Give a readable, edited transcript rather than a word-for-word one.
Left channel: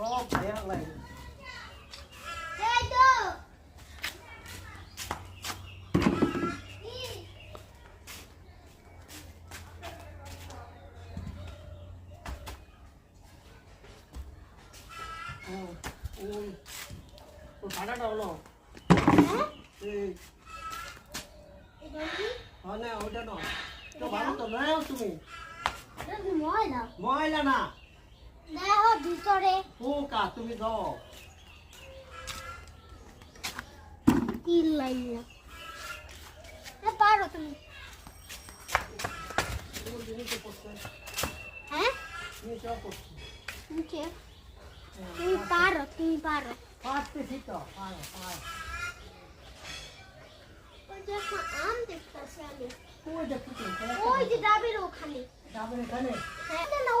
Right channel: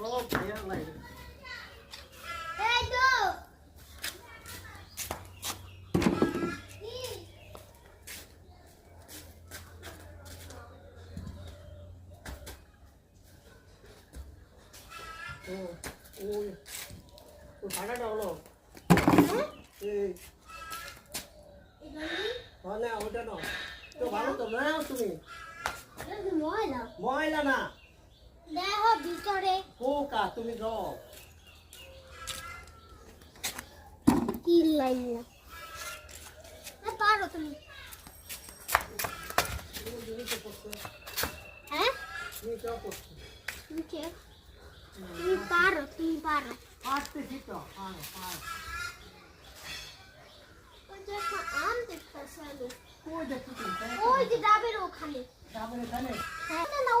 সব দেয়া লাগে এই তো ওই তো ভাড়াটা হলো মানে ওইটা না তো ভালো তো নাও তুমি ময়লা ময়লা না দেখো ভিতরে পোকা তুমি দাও কি লাগে পারো তুমি হ্যাঁ তুমি কেউ করছো নিচে তুমি পারো পারতেছি তো ওই যে একটা আম দেখতেছি আমি ওই দেখো ওই যে ডাবের ওখানে ডাবের এখানে হ্যাঁ না